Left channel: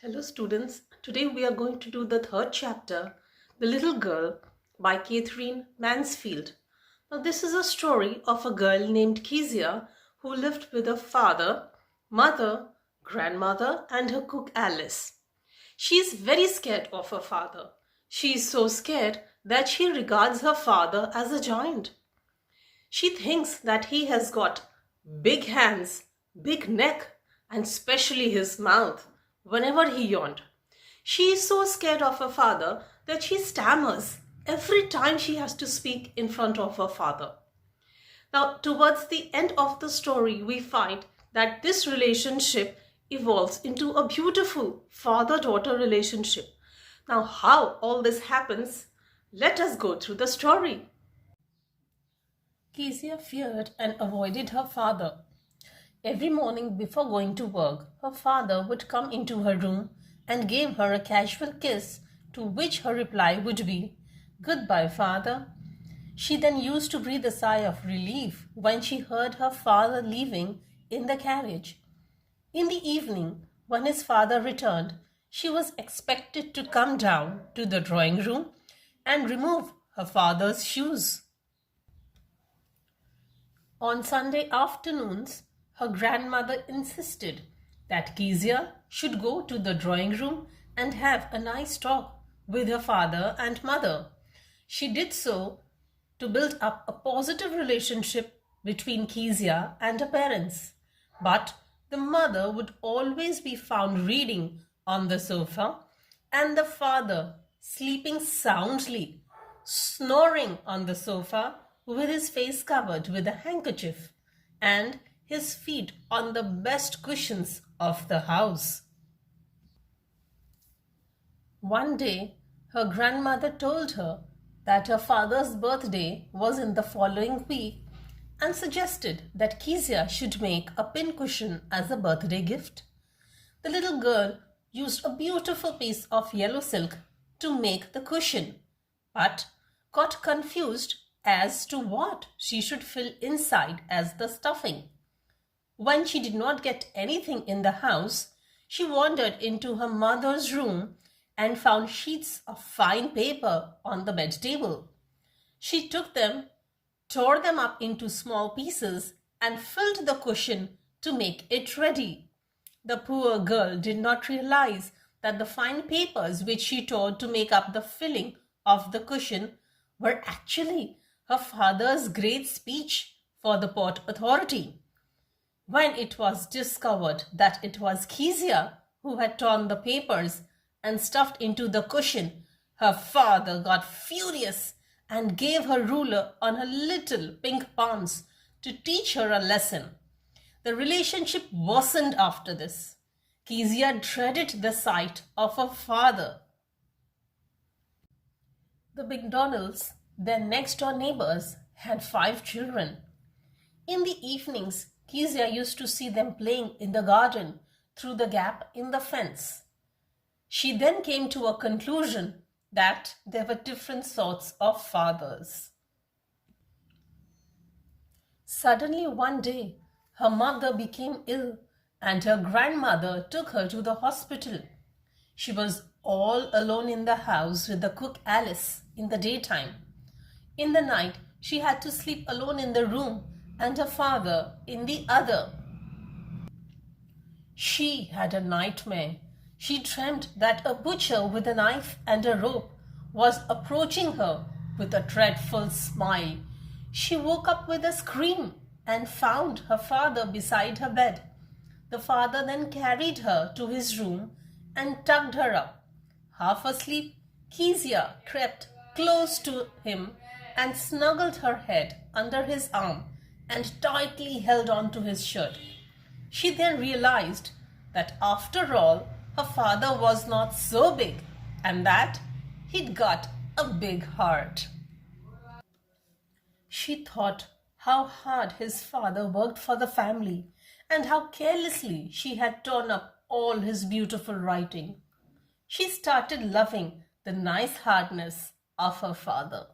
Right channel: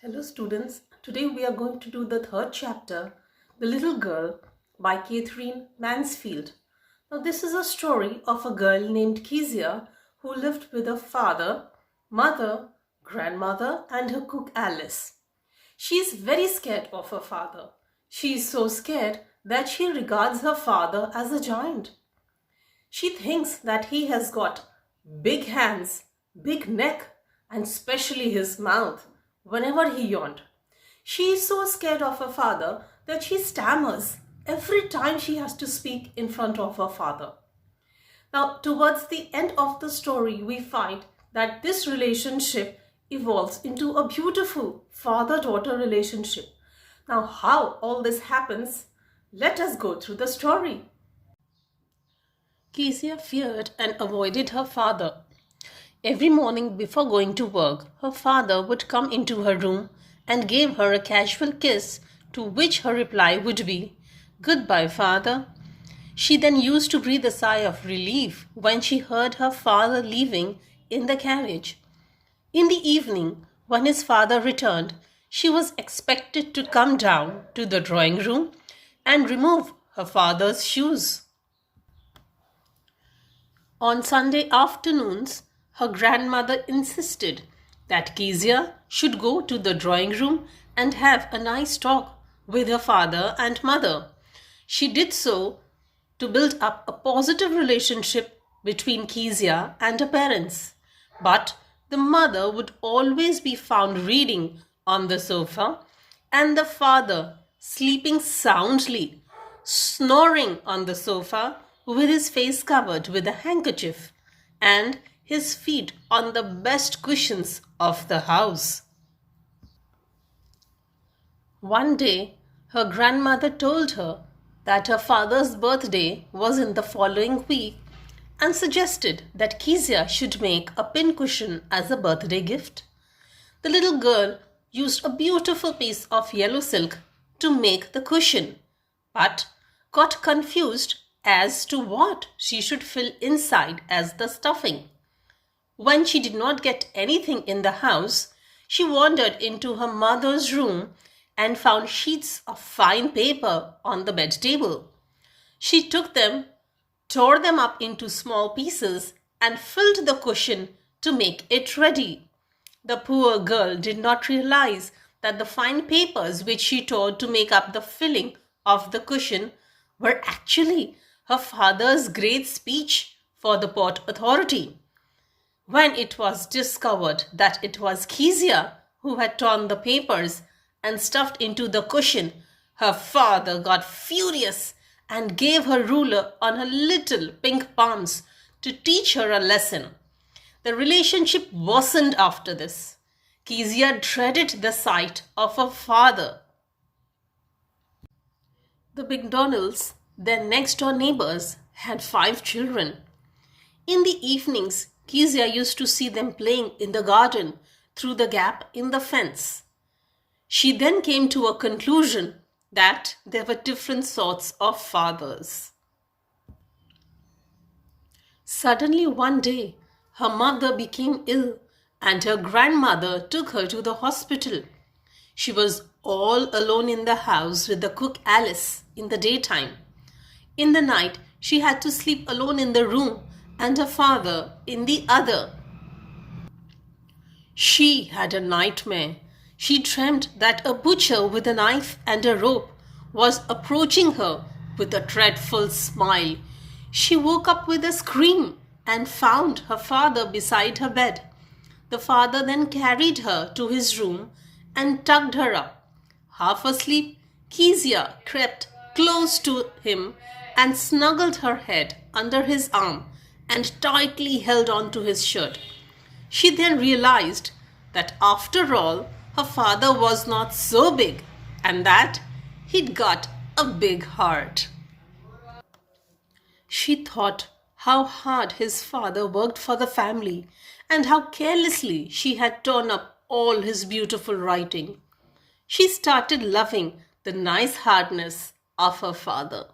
Hello students, today we are going to do the third chapter, The Little Girl by Catherine Mansfield. Now this is a story of a girl named Kezia who lived with her father, mother, grandmother and her cook Alice. She is very scared of her father. She is so scared that she regards her father as a giant. She thinks that he has got big hands, big neck, and especially his mouth whenever he yawned. She is so scared of her father that she stammers every time she has to speak in front of her father. Now, towards the end of the story, we find that this relationship evolves into a beautiful father-daughter relationship. Now, how all this happens, let us go through the story. Kezia feared and avoided her father. Every morning before going to work, her father would come into her room and give her a casual kiss, to which her reply would be, "Goodbye, father." She then used to breathe a sigh of relief when she heard her father leaving in the carriage. In the evening, when his father returned, she was expected to come down to the drawing room and remove her father's shoes. On Sunday afternoons, her grandmother insisted that Kezia should go to the drawing room and have a nice talk with her father and mother. She did so to build up a positive relationship between Kezia and her parents. But the mother would always be found reading on the sofa and the father sleeping soundly, snoring on the sofa with his face covered with a handkerchief and his feet on the best cushions of the house. One day, her grandmother told her that her father's birthday was in the following week and suggested that Kezia should make a pincushion as a birthday gift. The little girl used a beautiful piece of yellow silk to make the cushion, but got confused as to what she should fill inside as the stuffing. When she did not get anything in the house, she wandered into her mother's room and found sheets of fine paper on the bed table. She took them, tore them up into small pieces, and filled the cushion to make it ready. The poor girl did not realize that the fine papers which she tore to make up the filling of the cushion were actually her father's great speech for the Port Authority. When it was discovered that it was Kezia who had torn the papers and stuffed into the cushion, her father got furious and gave her ruler on her little pink palms to teach her a lesson. The relationship worsened after this. Kezia dreaded the sight of her father. The McDonalds, their next-door neighbors, had 5 children. In the evenings, Kezia used to see them playing in the garden through the gap in the fence. She then came to a conclusion that there were different sorts of fathers. Suddenly one day, her mother became ill and her grandmother took her to the hospital. She was all alone in the house with the cook Alice in the daytime. In the night, she had to sleep alone in the room and her father in the other. She had a nightmare. She dreamt that a butcher with a knife and a rope was approaching her with a dreadful smile. She woke up with a scream and found her father beside her bed. The father then carried her to his room and tucked her up. Half asleep, Kezia crept close to him and snuggled her head under his arm and tightly held on to his shirt. She then realized that after all, her father was not so big and that he'd got a big heart. She thought how hard his father worked for the family and how carelessly she had torn up all his beautiful writing. She started loving the nice hardness of her father.